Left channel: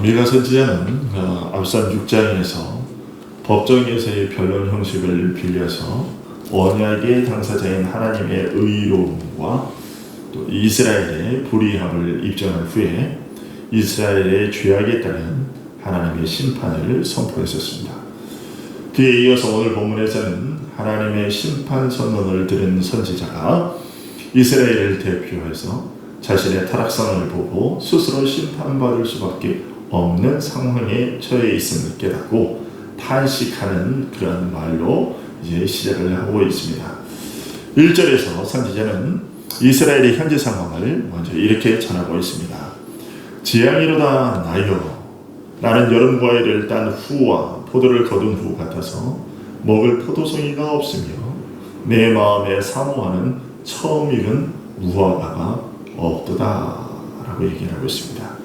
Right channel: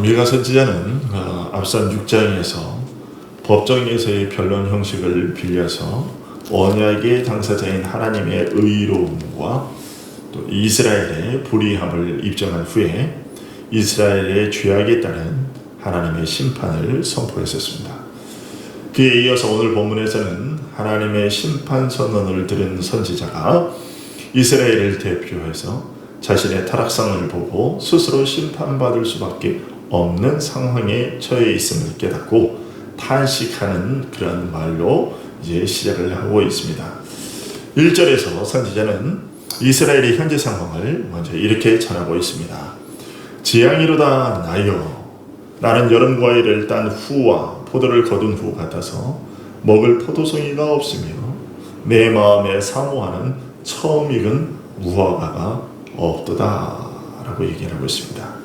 미가 선지자는 앞선 6장에서 법정에서의 변론 형식을 빌려서 언약의 당사자인 하나님의 의로움과 또 이스라엘의 불의함을 입증한 후에 이스라엘의 죄악에 따른 하나님의 심판을 선포했었습니다. 그에 이어서 오늘 본문에서는 하나님의 심판 선언을 들은 선지자가 이스라엘을 대표해서 자신의 타락성을 보고 스스로 심판받을 수밖에 없는 상황에 처해 있음을 깨닫고 탄식하는 그런 말로 이제 시작을 하고 있습니다. 1절에서 선지자는 이스라엘의 현재 상황을 먼저 이렇게 전하고 있습니다. 지향이로다 나여, 나는 여름 과일을 딴 후와 포도를 거둔 후 같아서 먹을 포도송이가 없으며 내 마음에 사모하는 처음 익은 무화과가 없도다 라고 얘기를 하고 있습니다.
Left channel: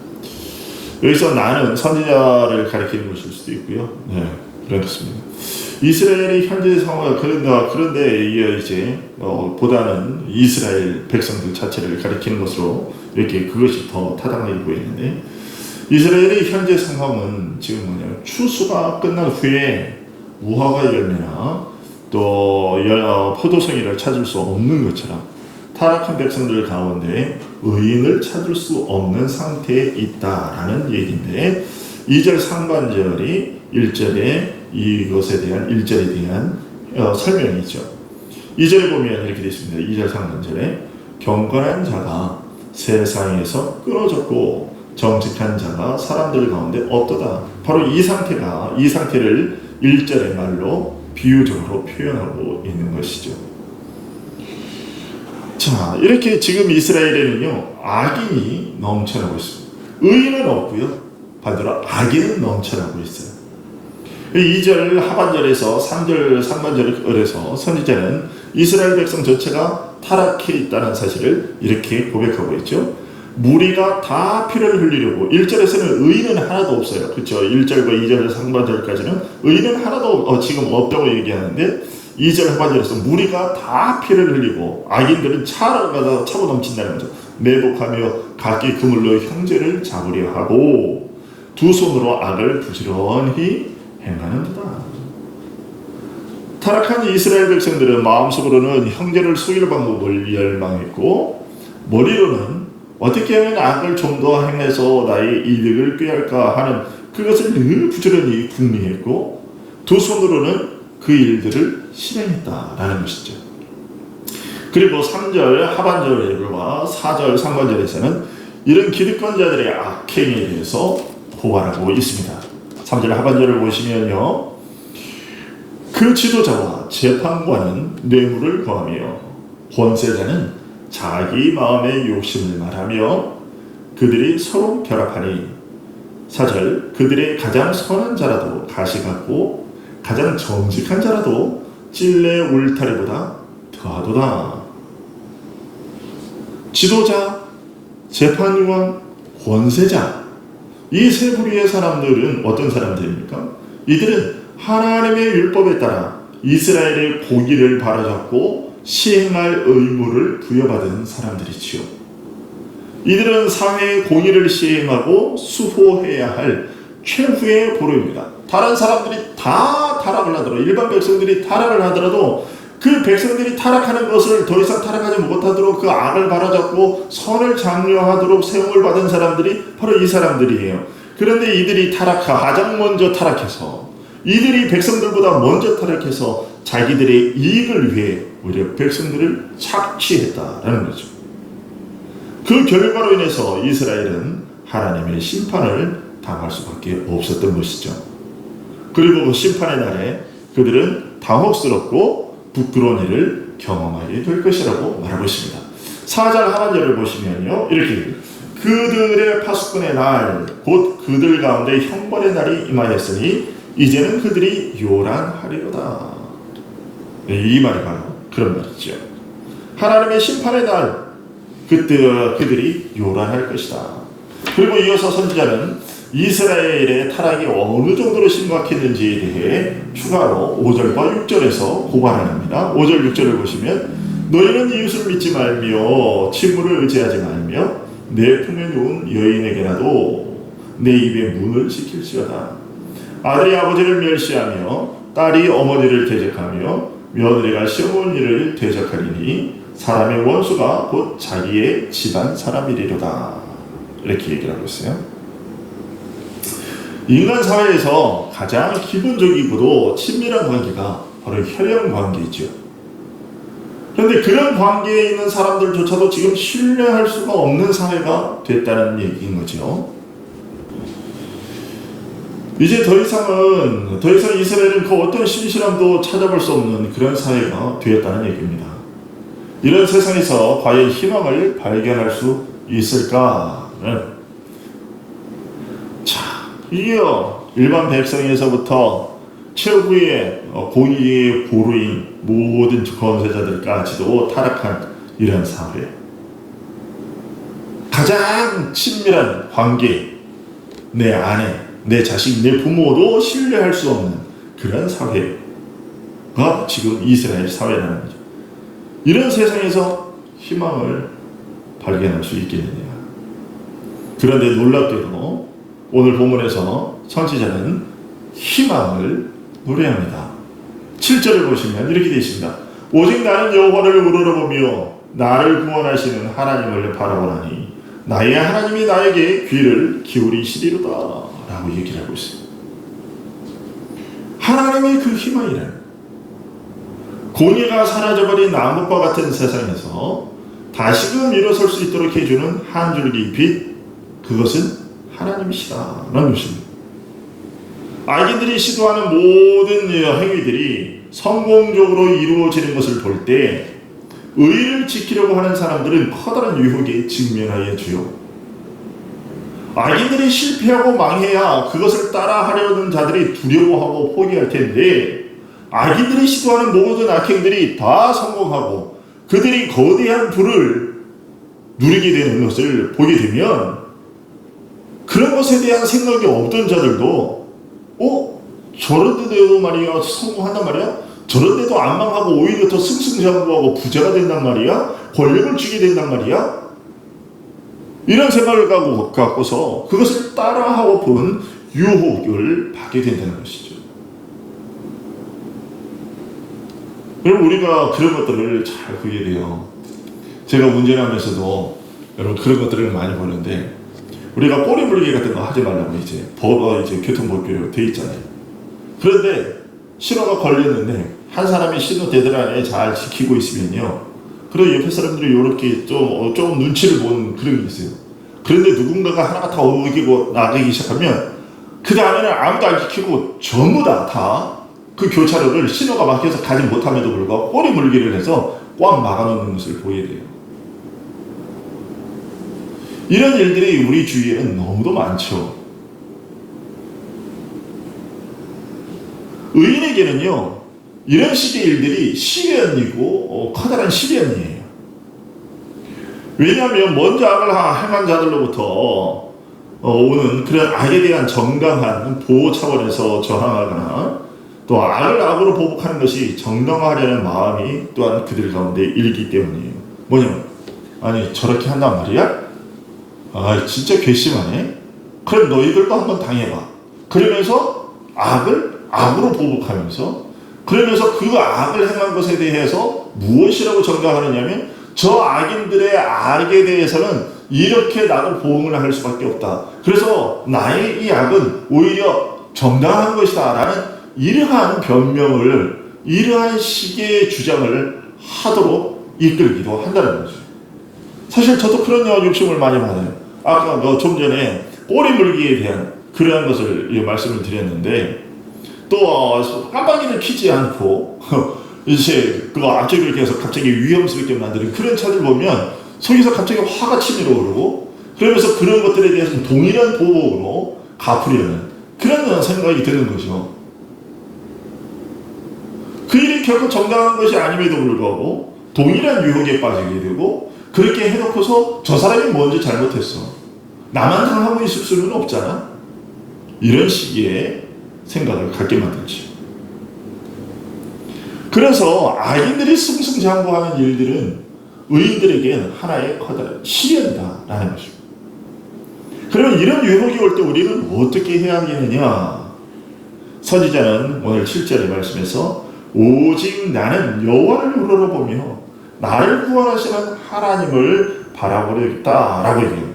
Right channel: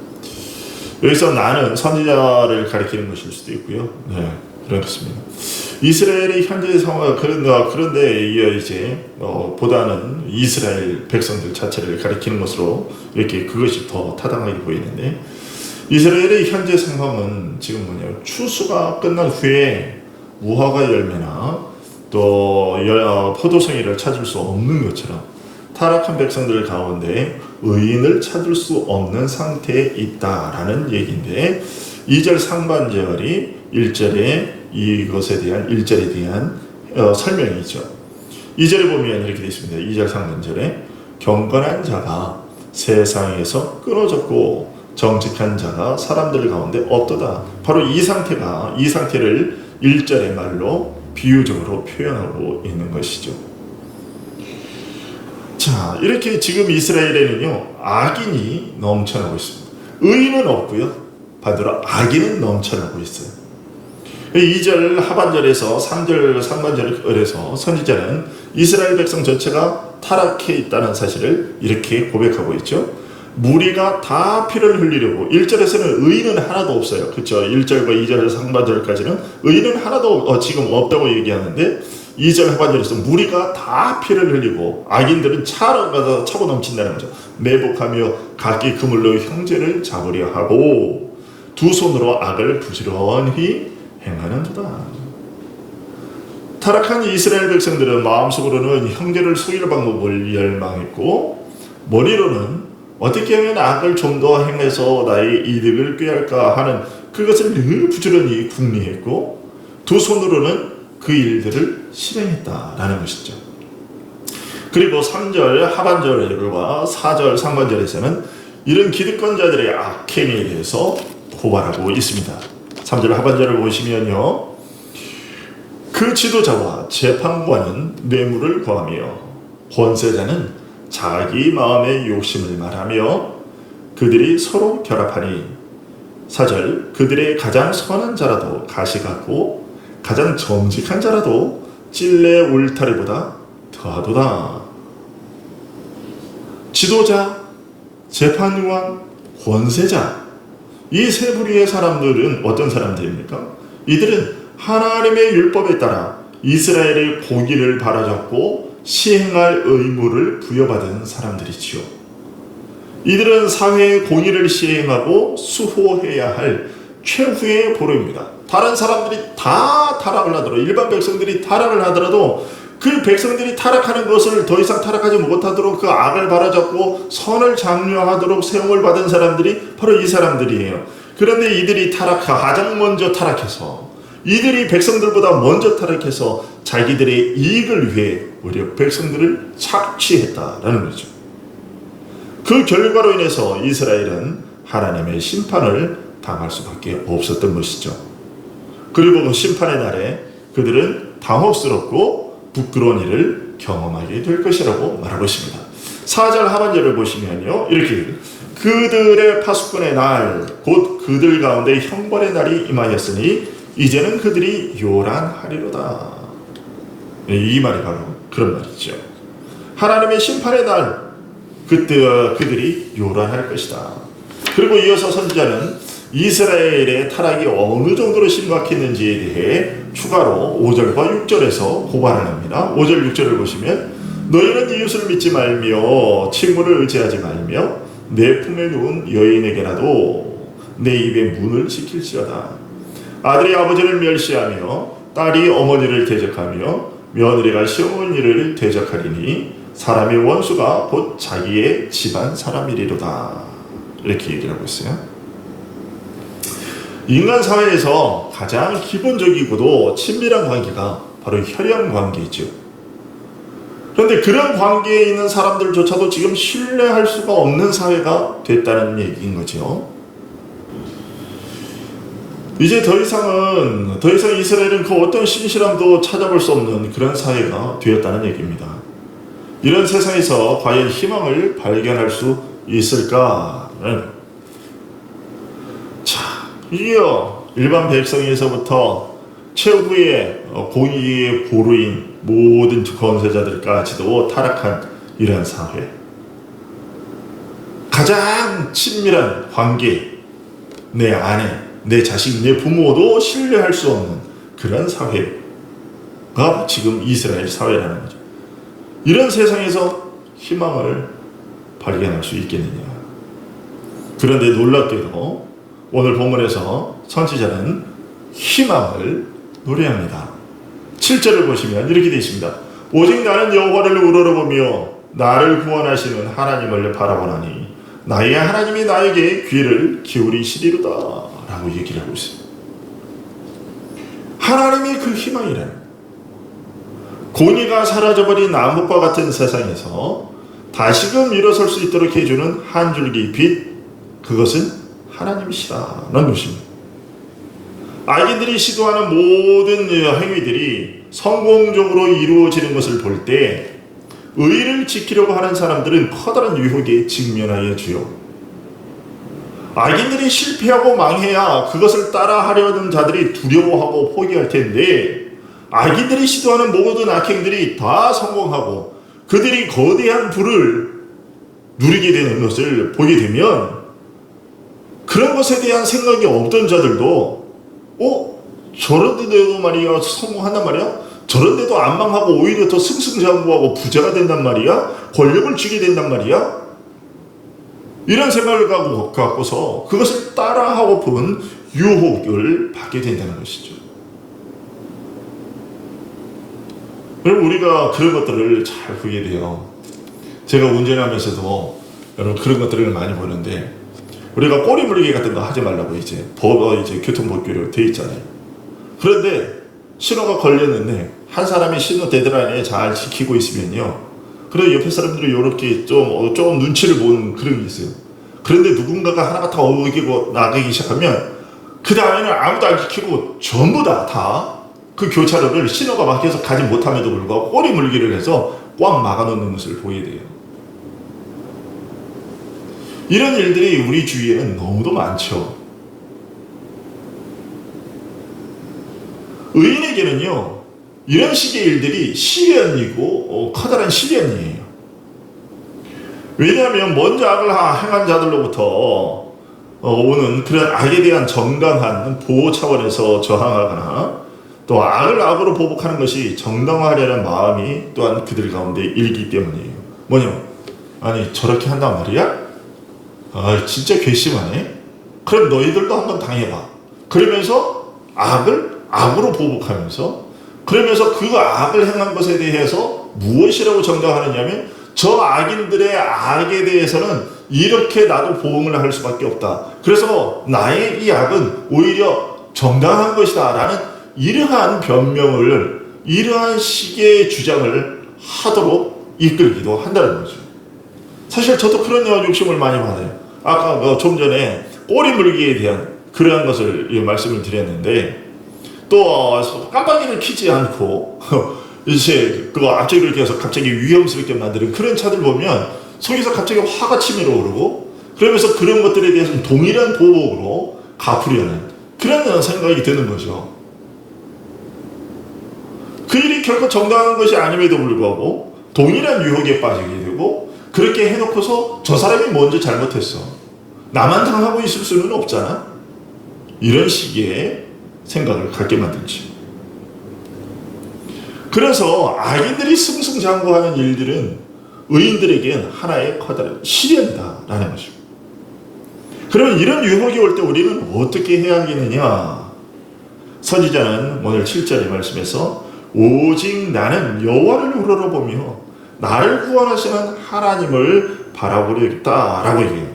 여기서 나는 선지자를 가리키는 것일 수도 있고요. 네, 그렇습니다. 이스라엘의 현재 상황, 그런데 이제 보다는 이스라엘 백성들 자체를 가리키는 것으로 이렇게 그것이 더 타당하게 보이는데, 이스라엘의 현재 상황은 지금 뭐냐면 추수가 끝난 후에 무화과 열매나 또 포도송이를 찾을 수 없는 것처럼 타락한 백성들 가운데 의인을 찾을 수 없는 상태에 있다라는 얘기인데, 2절 상반절이 1절에 이것에 대한 1절에 대한 설명이죠. 2절에 보면 이렇게 되어 있습니다. 2절 상반절에 경건한 자가 세상에서 끊어졌고 정직한 자가 사람들 가운데 없도다. 바로 이 상태를 1절의 말로 비유적으로 표현하고 있는 것이죠. 자, 이렇게 지금 이스라엘에는요, 악인이 넘쳐나고 있습니다. 의인은 없고요, 반대로 악인은 넘쳐나고 있어요. 2절 하반절에서 3절 상반절에서 선지자는 이스라엘 백성 전체가 타락해 있다는 사실을 이렇게 고백하고 있죠. 무리가 다 피를 흘리려고, 1절에서는 의인은 하나도 없어요. 그렇죠? 1절과 2절 상반절까지는 의인은 하나도 지금 없다고 얘기하는데, 2절 하반절에서 무리가 다 피를 흘리고 악인들은 차고 넘친다는 거죠. 매복하며 각기 그물로 형제를 잡으려 하고 두 손으로 악을 부지런히 행하는도다. 타락한 이스라엘 백성들은 마음속으로는 형제를 속일 방법을 열망했고, 머리로는 어떻게 하면 악을 좀 더 행해서 나의 이득을 꾀할까 하는 그것을 늘 부지런히 궁리했고, 두 손으로는 그 일들을 실행했다라는 것이죠. 그리고 3절 하반절과 4절 상반절에서는 이런 기득권자들의 악행에 대해서 고발하고 있습니다. 3절 하반절을 보시면요, 그 지도자와 재판관은 뇌물을 구하며 권세자는 자기 마음의 욕심을 말하며 그들이 서로 결합하니, 4절 그들의 가장 선한 자라도 가시 같고 가장 정직한 자라도 찔레 울타리보다 더하도다. 지도자, 재판관, 권세자, 이 세 부류의 사람들은 어떤 사람들입니까? 이들은 하나님의 율법에 따라 이스라엘의 공의를 바로잡고 시행할 의무를 부여받은 사람들이지요. 이들은 사회의 공의를 시행하고 수호해야 할 최후의 보루입니다. 다른 사람들이 다 타락을 하더라도, 일반 백성들이 타락을 하더라도 그 백성들이 타락하는 것을 더 이상 타락하지 못하도록 그 악을 바로잡고 선을 장려하도록 세움을 받은 사람들이 바로 이 사람들이에요. 그런데 이들이 가장 먼저 타락해서, 이들이 백성들보다 먼저 타락해서 자기들의 이익을 위해 오히려 백성들을 착취했다라는 거죠. 그 결과로 인해서 이스라엘은 하나님의 심판을 당할 수밖에 없었던 것이죠. 그리고 그 심판의 날에 그들은 당혹스럽고 부끄러운 일을 경험하게 될 것이라고 말하고 있습니다. 4절 하반절을 보시면요, 이렇게 그들의 파수꾼의 날, 곧 그들 가운데 형벌의 날이 임하였으니 이제는 그들이 요란하리로다. 이 말이 바로 그런 말이죠. 하나님의 심판의 날, 그때 그들이 요란할 것이다. 그리고 이어서 선지자는 이스라엘의 타락이 어느 정도로 심각했는지에 대해 추가로 5절과 6절에서 고발합니다. 5절, 6절을 보시면 너희는 이웃을 믿지 말며 친구를 의지하지 말며 내 품에 누운 여인에게라도 내 입에 문을 지킬지어다. 아들이 아버지를 멸시하며 딸이 어머니를 대적하며 며느리가 시어머니를 대적하리니 사람의 원수가 곧 자기의 집안 사람이리로다. 이렇게 얘기를 하고 있어요. 인간 사회에서 가장 기본적이고도 친밀한 관계가 바로 혈연 관계이죠. 그런데 그런 관계에 있는 사람들조차도 지금 신뢰할 수가 없는 사회가 됐다는 얘기인 거죠. 이제 더 이상 이스라엘은 그 어떤 신실함도 찾아볼 수 없는 그런 사회가 되었다는 얘기입니다. 이런 세상에서 과연 희망을 발견할 수 있을까? 자, 이게요, 일반 백성에서부터 최후의 공의의 보루인 모든 권세자들까지도 타락한 이런 사회. 가장 친밀한 관계, 내 아내, 내 자식, 내 부모도 신뢰할 수 없는 그런 사회가 지금 이스라엘 사회라는 거죠. 이런 세상에서 희망을 발견할 수 있겠느냐. 그런데 놀랍게도 오늘 본문에서 선지자는 희망을 노래합니다. 7절을 보시면 이렇게 되어 있습니다. 오직 나는 여호와를 우러러보며 나를 구원하시는 하나님을 바라보나니 나의 하나님이 나에게 귀를 기울이시리로다 라고 얘기를 하고 있습니다. 하나님의 그 희망이란 공의가 사라져버린 남북과 같은 세상에서 다시금 일어설 수 있도록 해주는 한 줄기 빛, 그것은 하나님이시라는 것입니다. 악인들이 시도하는 모든 행위들이 성공적으로 이루어지는 것을 볼 때 의를 지키려고 하는 사람들은 커다란 유혹에 직면하여 주요. 악인들이 실패하고 망해야 그것을 따라하려는 자들이 두려워하고 포기할 텐데 악인들이 시도하는 모든 악행들이 다 성공하고 그들이 거대한 부를 누리게 되는 것을 보게 되면 그런 것에 대한 생각이 없던 자들도 저런데도 말이야 성공한단 말이야? 저런데도 안 망하고 오히려 더 승승장구하고 부자가 된단 말이야? 권력을 쥐게 된단 말이야? 이런 생각을 갖고서 그것을 따라하고픈 유혹을 받게 된다는 것이죠. 여러분, 우리가 그런 것들을 잘 보게 돼요. 제가 운전하면서도 여러분 그런 것들을 많이 보는데 우리가 꼬리 물기 같은 거 하지 말라고 이제 교통법규로 돼 있잖아요. 그런데 신호가 걸렸는데 한 사람이 신호 데드라인에 잘 지키고 있으면요. 그래도 옆에 사람들이 이렇게 좀 눈치를 보는 그런 게 있어요. 그런데 누군가가 하나가 다 어기고 나가기 시작하면 그 다음에는 아무도 안 지키고 전부 다 그 교차로를 신호가 막혀서 가지 못함에도 불구하고 꼬리 물기를 해서 꽉 막아놓는 것을 보게 돼요. 이런 일들이 우리 주위에는 너무도 많죠. 의인에게는요, 이런 식의 일들이 시련이고 커다란 시련이에요. 왜냐하면 먼저 악을 행한 자들로부터 오는 그런 악에 대한 정당한 보호 차원에서 저항하거나 또 악을 악으로 보복하는 것이 정당화하려는 마음이 또한 그들 가운데 일기 때문이에요. 뭐냐면 아니 저렇게 한단 말이야? 진짜 괘씸하네. 그럼 너희들도 한번 당해봐. 그러면서 악을 악으로 보복하면서 그러면서 그 악을 행한 것에 대해서 무엇이라고 정당하느냐면 저 악인들의 악에 대해서는 이렇게 나도 보응을 할 수밖에 없다. 그래서 나의 이 악은 오히려 정당한 것이다 라는 이러한 변명을 이러한 식의 주장을 하도록 이끌기도 한다는 거죠. 사실 저도 그런 욕심을 많이 받아요. 아까 좀 전에 꼬리 물기에 대한 그러한 것을 말씀을 드렸는데 또 깜빡이를 켜지 않고 이제 그거 앞쪽으로 이렇게 해서 갑자기 위험스럽게 만드는 그런 차들 보면 속에서 갑자기 화가 치밀어 오르고 그러면서 그런 것들에 대해서는 동일한 보복으로 갚으려는 그런 생각이 드는 거죠. 그 일이 결코 정당한 것이 아님에도 불구하고 동일한 유혹에 빠지게 되고 그렇게 해놓고서 저 사람이 먼저 잘못했어. 나만 당하고 있을 수는 없잖아. 이런 식의 생각을 갖게 만들죠. 그래서 악인들이 승승장구하는 일들은 의인들에겐 하나의 커다란 시련이다라는 것입니다. 그러면 이런 유혹이 올 때 우리는 어떻게 해야 하겠느냐? 선지자는 오늘 7절의 말씀에서 오직 나는 여호와를 우러러보며 나를 구원하시는 하나님을 바라보려겠다라고 얘기해요.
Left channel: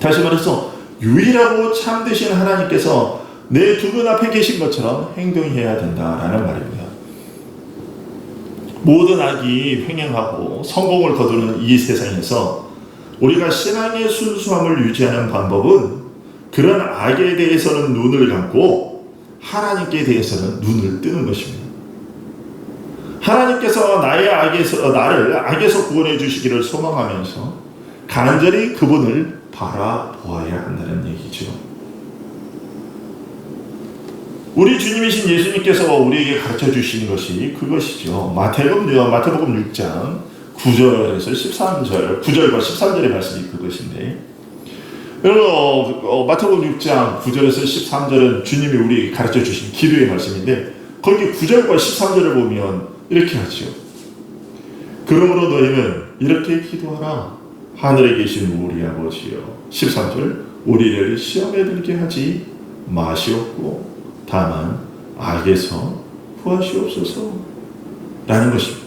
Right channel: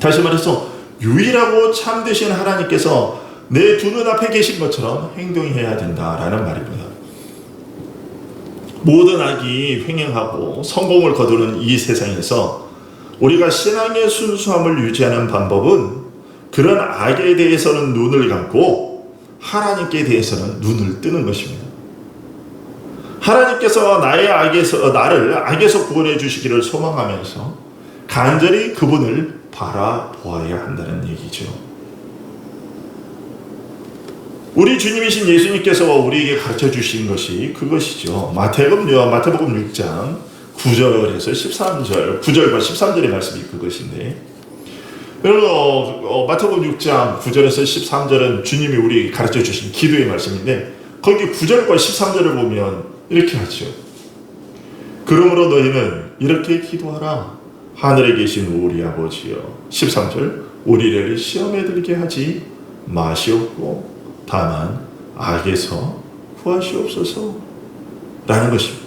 다시 말해서 유일하고 참되신 하나님께서 내 두 눈앞에 계신 것처럼 행동해야 된다라는 말입니다. 모든 악이 횡행하고 성공을 거두는 이 세상에서 우리가 신앙의 순수함을 유지하는 방법은 그런 악에 대해서는 눈을 감고 하나님께 대해서는 눈을 뜨는 것입니다. 하나님께서 나를 악에서 구원해 주시기를 소망하면서 간절히 그분을 바라보아야 한다는 얘기죠. 우리 주님이신 예수님께서 우리에게 가르쳐 주신 것이 그것이죠. 마태복음 6장 9절에서 13절, 9절과 13절의 말씀이 그것인데, 그리고 마태복음 6장 9절에서 13절은 주님이 우리에게 가르쳐 주신 기도의 말씀인데, 거기 9절과 13절을 보면 이렇게 하죠. 그러므로 너희는 이렇게 기도하라. 하늘에 계신 우리 아버지여. 13절, 우리를 시험에 들게 하지 마시옵고 다만 악에서 구하시옵소서 라는 것입니다.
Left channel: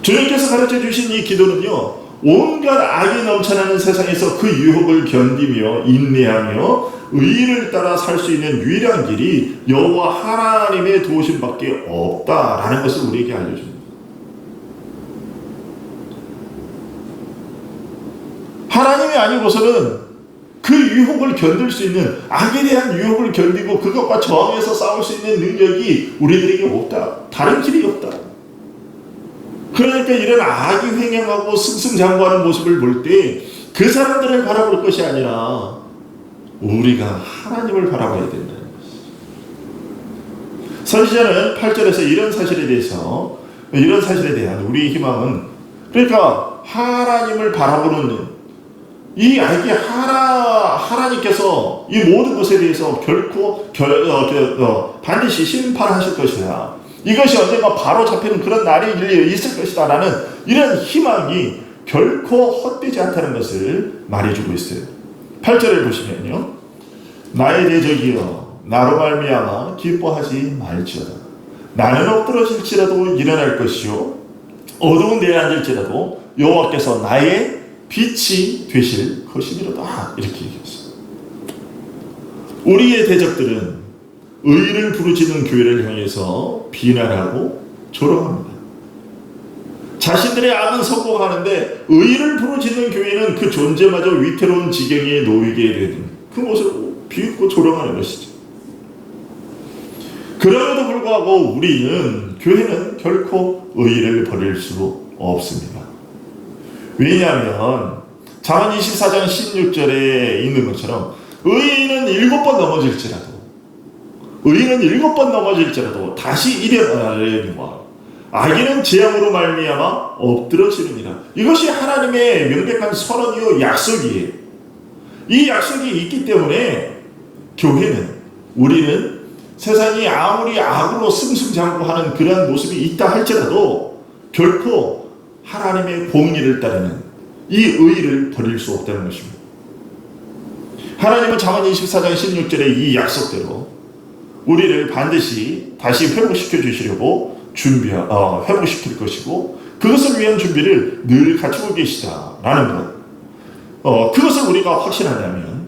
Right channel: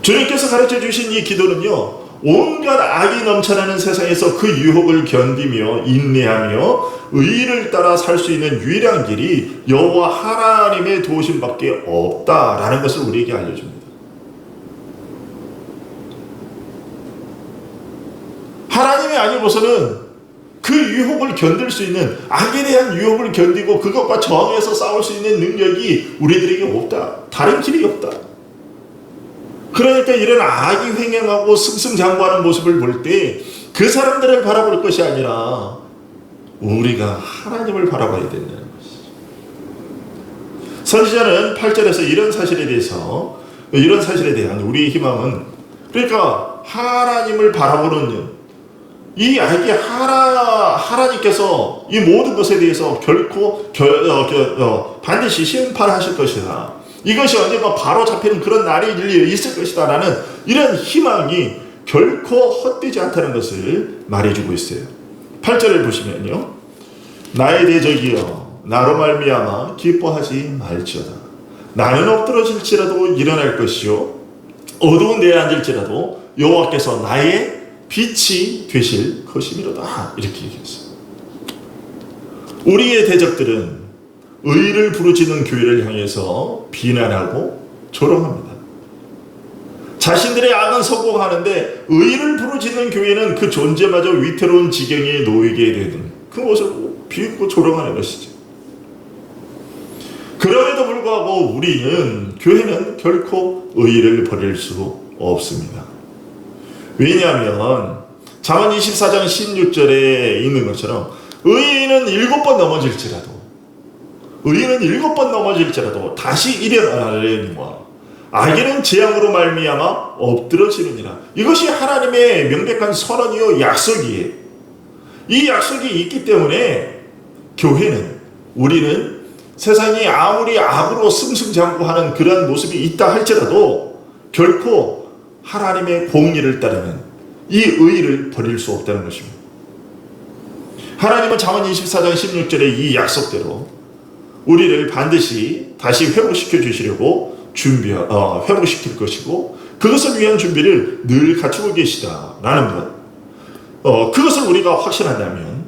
주님께서 가르쳐 주신 이 기도는요, 온갖 악이 넘쳐나는 세상에서 그 유혹을 견디며 인내하며 의를 따라 살 수 있는 유일한 길이 여호와 하나님의 도우심밖에 없다라는 것을 우리에게 알려줍니다. 하나님이 아니고서는 그 유혹을 견딜 수 있는, 악에 대한 유혹을 견디고 그것과 저항해서 싸울 수 있는 능력이 우리들에게 없다. 다른 길이 없다. 그러니까 이런 악이 횡행하고 승승장구하는 모습을 볼 때 그 사람들을 바라볼 것이 아니라 우리가 하나님을 바라봐야 된다는 것이죠. 선지자는 8절에서 이런 사실에 대한 우리의 희망은, 그러니까 하나님을 바라보는 이 악이 하나님께서 이 모든 것에 대해서 결코 반드시 심판하실 것이다. 이것이 언젠가 바로 잡히는 그런 날이 있을 것이다 라는 이런 희망이 결코 헛되지 않다는 것을 말해주고 있어요. 8절을 보시면요, 나의 대적이여 나로 말미암아 기뻐하지 말지어다. 나는 엎드러질지라도 일어날 것이요 어두운 데에 앉을지라도 여호와께서 나의 빛이 되실 것이미로다. 이렇게 얘기했어요. 우리의 대적들은 의를 부르짖는 교회를 향해서 비난하고 조롱합니다. 자신들의 악은 성공하는데 의를 부르짖는 교회는 그 존재마저 위태로운 지경에 놓이게 되는 그 모습을 비웃고 조롱하는 것이죠. 그럼에도 불구하고 교회는 결코 의를 버릴 수 없습니다. 왜냐하면 잠언 24장 16절에 있는 것처럼 의인은 7번 넘어질지라도 다시 일어나려니와 악인은 재앙으로 말미암아 엎드러지느니라. 이것이 하나님의 명백한 선언이요 약속이에요. 이 약속이 있기 때문에 우리는 세상이 아무리 악으로 승승장구하는 그런 모습이 있다 할지라도 결코 하나님의 공의를 따르는 이 의를 버릴 수 없다는 것입니다. 하나님은 잠언 24장 16절의 이 약속대로 우리를 반드시 다시 회복시켜 주시려고 회복시킬 것이고 그것을 위한 준비를 늘 갖추고 계시다라는 것. 그것을 우리가 확신한다면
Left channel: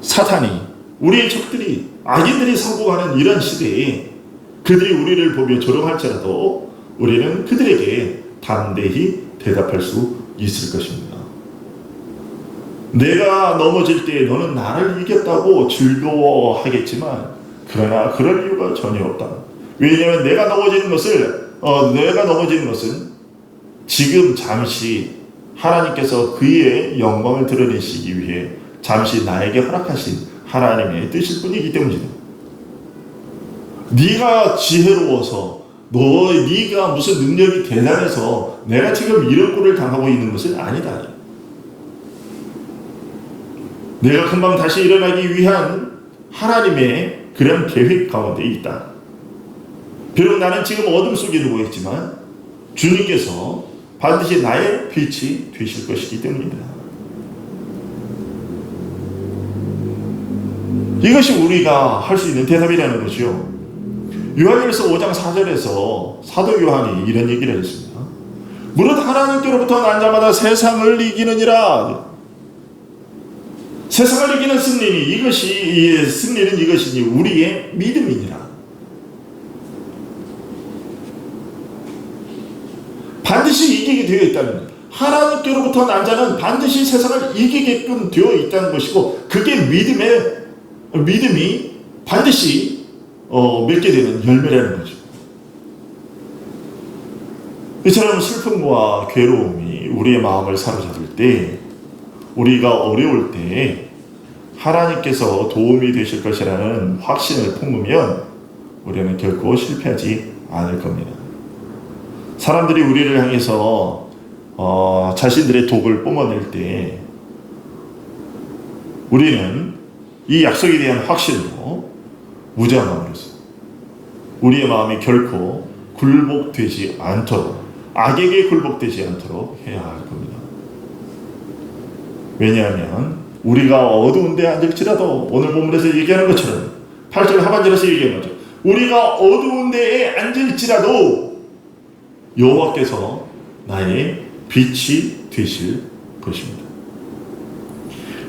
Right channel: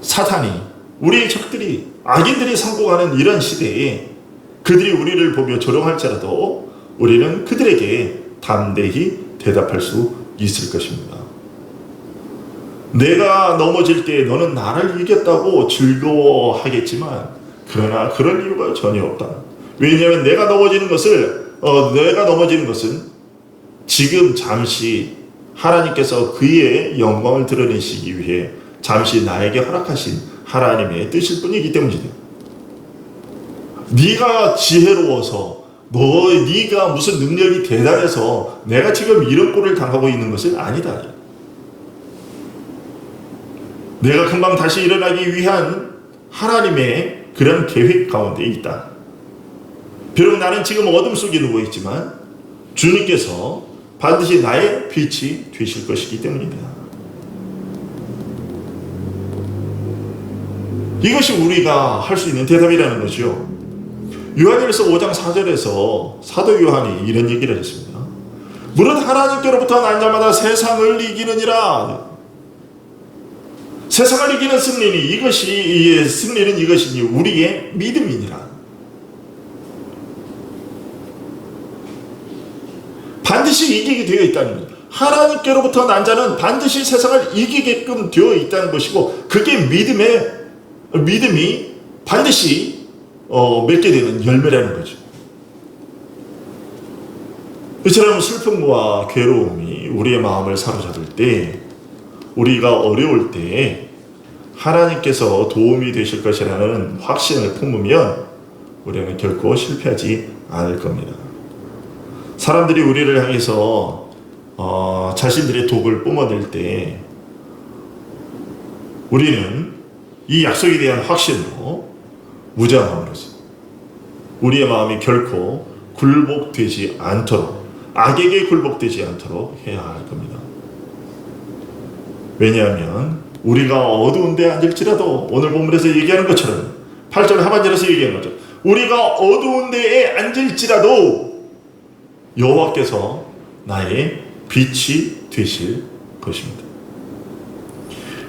사탄이, 우리의 적들이, 악인들이 성공하는 이런 시대에 그들이 우리를 보며 조롱할지라도 우리는 그들에게 담대히 대답할 수 있을 것입니다. 내가 넘어질 때 너는 나를 이겼다고 즐거워하겠지만 그러나 그럴 이유가 전혀 없다. 왜냐하면 내가 넘어지는 것은 지금 잠시 하나님께서 그의 영광을 드러내시기 위해 잠시 나에게 허락하신 하나님의 뜻일 뿐이기 때문이다. 네가 지혜로워서 네가 무슨 능력이 대단해서 내가 지금 이런 꼴을 당하고 있는 것은 아니다. 내가 금방 다시 일어나기 위한 하나님의 그런 계획 가운데 있다. 비록 나는 지금 어둠 속에 누워 있지만 주님께서 반드시 나의 빛이 되실 것이기 때문이다. 이것이 우리가 할 수 있는 대답이라는 거죠. 요한일서 5장 4절에서 사도 요한이 이런 얘기를 했습니다. 무릇 하나님께로부터 난 자마다 세상을 이기느니라. 세상을 이기는 승리는 이것이니 우리의 믿음이니라. 반드시 이기게 되어 있다는 것. 하나님께로부터 난 자는 반드시 세상을 이기게끔 되어 있다는 것이고, 그게 믿음이 반드시 맺게 되는 열매라는 거죠. 이처럼 슬픔과 괴로움이 우리의 마음을 사로잡을 때, 우리가 어려울 때 하나님께서 도움이 되실 것이라는 확신을 품으면 우리는 결코 실패하지 않을 겁니다. 사람들이 우리를 향해서 자신들의 독을 뿜어낼 때 우리는 이 약속에 대한 확신으로 무장함으로써 우리의 마음이 결코 굴복되지 않도록, 악에게 굴복되지 않도록 해야 할 겁니다. 왜냐하면 우리가 어두운 데 앉을지라도, 오늘 본문에서 얘기하는 것처럼 8절 하반절에서 얘기하는 것처럼 우리가 어두운 데에 앉을지라도 여호와께서 나의 빛이 되실 것입니다.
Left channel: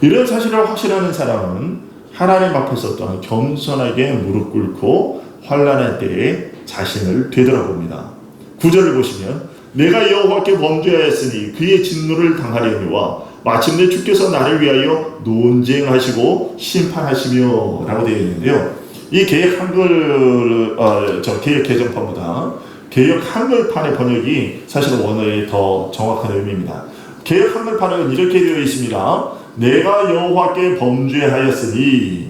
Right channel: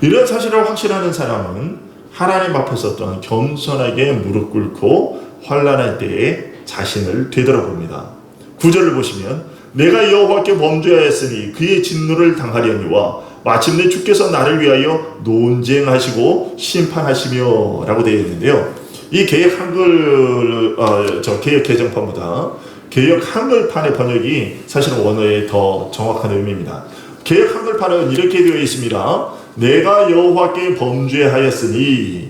이런 사실을 확신하는 사람은 하나님 앞에서 또한 겸손하게 무릎 꿇고 환난할 때에 자신을 되돌아봅니다. 9절을 보시면 내가 여호와께 범죄하였으니 그의 진노를 당하려니와 마침내 주께서 나를 위하여 논쟁하시고 심판하시며 라고 되어 있는데요. 이 개역 개정판보다 개역 한글판의 번역이 사실은 원어에 더 정확한 의미입니다. 개역 한글판은 이렇게 되어 있습니다. 내가 여호와께 범죄하였으니,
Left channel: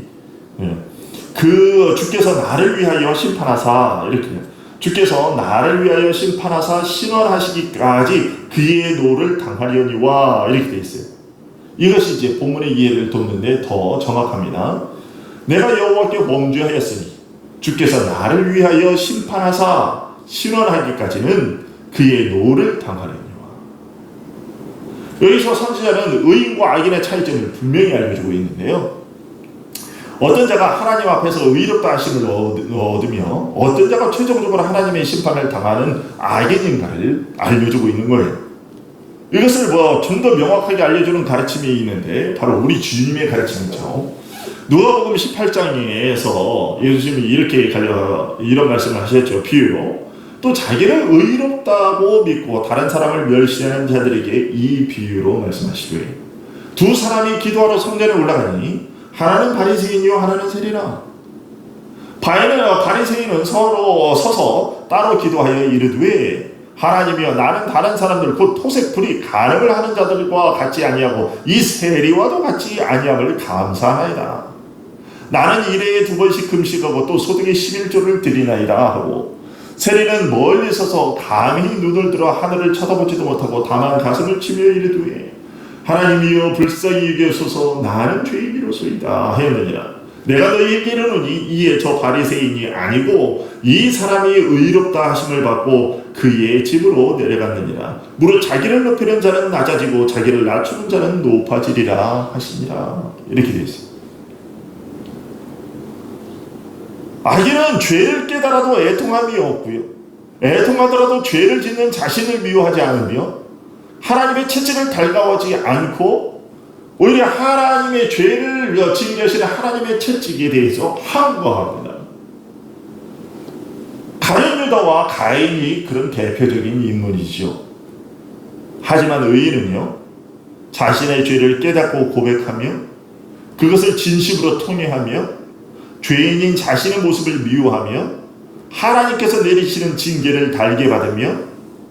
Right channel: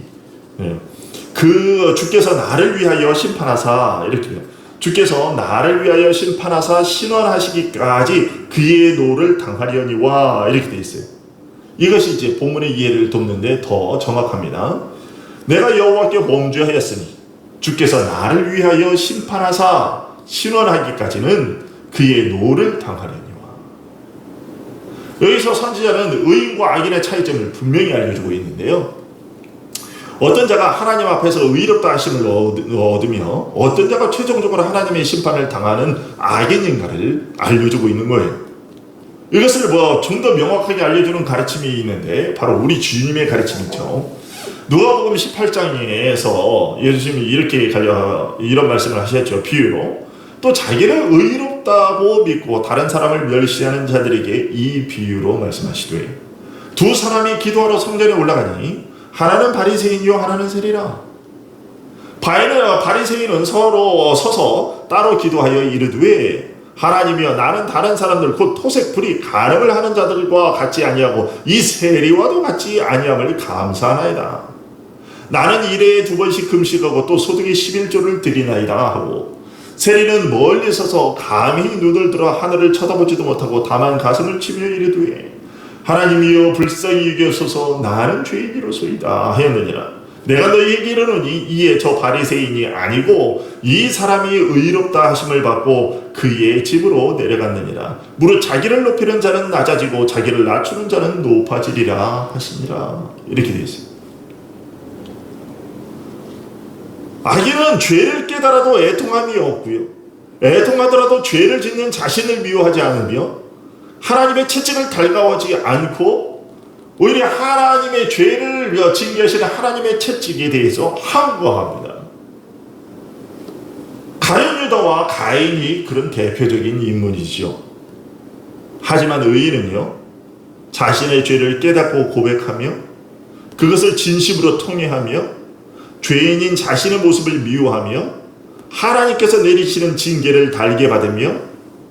그 주께서 나를 위하여 심판하사, 이렇게 돼요. 주께서 나를 위하여 심판하사 신원하시기까지 그의 노를 당하려니와, 이렇게 되어 있어요. 이것이 이제 본문의 이해를 돕는데 더 정확합니다. 내가 여호와께 범죄하였으니 주께서 나를 위하여 심판하사 신원하기까지는 그의 노를 당하려니와. 여기서 선지자는 의인과 악인의 차이점을 분명히 알려주고 있는데요. 어떤 자가 하나님 앞에서 의롭다 하심을 얻으며 어떤 자가 최종적으로 하나님의 심판을 당하는 악인인가를 알려주고 있는 거예요. 이것을 좀 더 명확하게 알려주는 가르침이 있는데 바로 우리 주님의 가르침이죠. 누가복음 18장에서 예수님이 이렇게 이런 말씀을 하셨죠. 비유로. 또 자기를 의롭다고 믿고 다른 사람을 멸시하는 자들에게 이 비유로 말씀하시되, 두 사람이 기도하러 성전에 올라가니 하나는 바리새인이요 하나는 세리라. 바리새인은 서로 서서 따로 기도하여 이르되, 하나님이여 나는 다른 사람들 곧 토색 불이 간음을 하는 자들과 같이 아니하고 이 세리와도 같이 아니함을 감사하나이다. 나는 일해에 2번씩 금식하고 또 소득의 11조를 드리나이다 하고, 세리는 멀리 서서 감히 눈을 들어 하늘을 쳐다보지도 못하고 다만 가슴을 치며 이르되, 하나님이여 불쌍히 여기소서 나는 죄인이로소이다 하였느니라. 내가 너희에게 이르노니 이에 저 바리새인이 아니고 이 사람이 의롭다 하심을 받고 그의 집으로 내려갔느니라. 무릇 자기를 높이는 자는 낮아지고 자기를 낮추는 자는 높아지리라 하시니라. 이렇게 되어 있습니다. 악인은 죄를 깨달아도 애통함이 없고요, 애통하더라도 죄를 짓는 자신을 미워하지 않으며 하나님의 채찍을 달가워하지 않고 오히려 하나님의 죄를 징계하시는 하나님의 채찍에 대해서 항거합니다. 가룟 유다와 가인이 그런 대표적인 인물이죠. 하지만 의인은요, 자신의 죄를 깨닫고 고백하며 그것을 진심으로 통회하며 죄인인 자신의 모습을 미워하며 하나님께서 내리시는 징계를 달게 받으며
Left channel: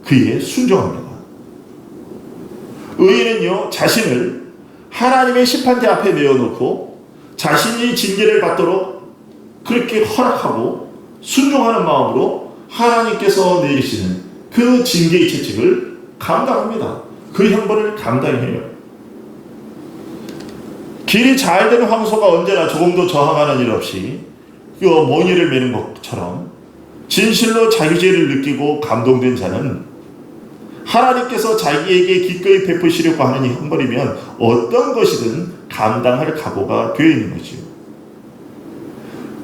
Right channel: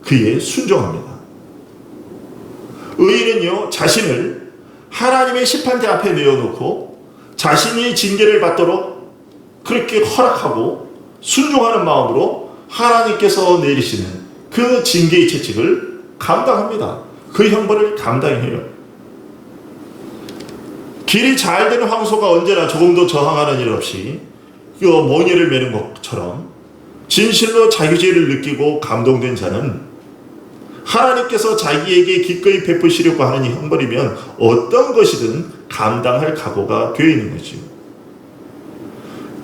그에 순종합니다. 의인은요, 자신을 하나님의 심판대 앞에 내어놓고 자신이 징계를 받도록 그렇게 허락하고 순종하는 마음으로 하나님께서 내리시는 그 징계의 채찍을 감당합니다. 그 형벌을 감당해요. 길이 잘 되는 황소가 언제나 조금도 저항하는 일 없이 멍에를 매는 것처럼 진실로 자기 죄를 느끼고 감동된 자는 하나님께서 자기에게 기꺼이 베푸시려고 하는 이 형벌이면 어떤 것이든 감당할 각오가 되어 있는 거지요.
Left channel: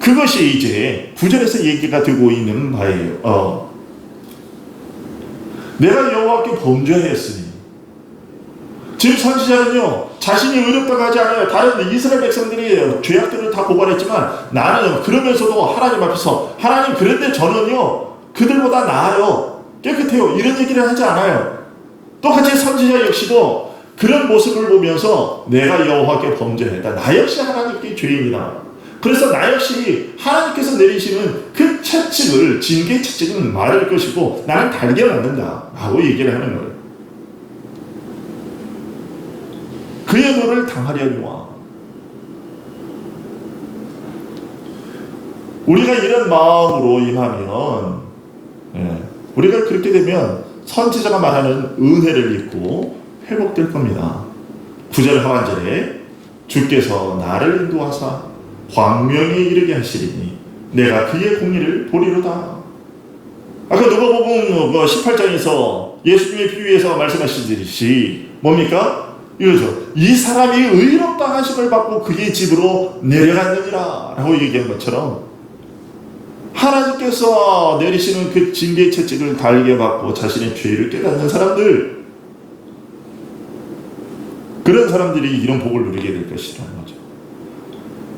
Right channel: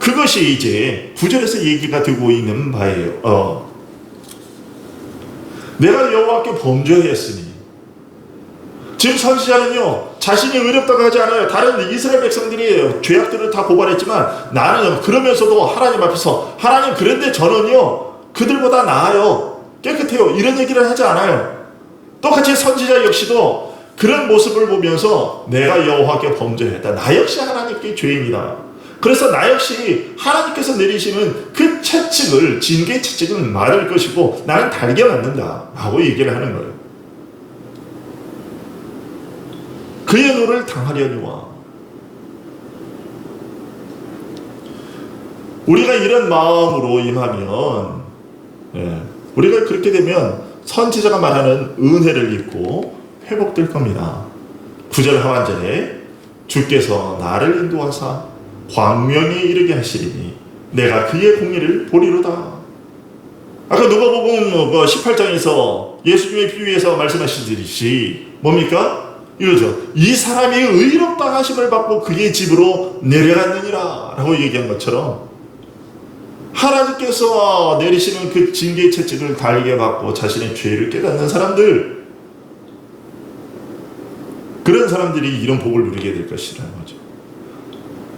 그것이 이제 9절에서 얘기가 되고 있는 바예요. 내가 여호와께 범죄하였으니. 지금 선지자는요, 자신이 의롭다고 하지 않아요. 다른 이스라엘 백성들이 죄악들을 다 고발했지만 나는 그러면서도 하나님 앞에서 하나님, 그런데 저는요 그들보다 나아요, 깨끗해요, 이런 얘기를 하지 않아요. 똑같이 선지자 역시도 그런 모습을 보면서 내가 여호와께 범죄했다, 나 역시 하나님께 죄인이다, 그래서 나 역시 하나님께서 내리시는 그 채찍을, 징계 채찍을 맞을 것이고 나는 달게 맞는다 라고 얘기를 하는 거예요. 그의 노를 당하려니와. 우리가 이런 마음으로 임하면, 우리가 그렇게 되면 선지자가 말하는 은혜를 입고 회복될 겁니다. 9절 하반절에 주께서 나를 인도하사 광명에 이르게 하시리니 내가 그의 공의를 보리로다. 아까 누가복음 18장에서 예수님의 비유에서 말씀하시듯이 뭡니까? 이거죠. 이 사람이 의롭다 하심을 받고 그의 집으로 내려갔느니라 라고 얘기한 것처럼 하나님께서 내리시는 그 징계 채찍을 달게 받고 자신의 죄를 깨닫는 사람들, 그런 사람들이 이런 복을 누리게 될 것이라는 거죠.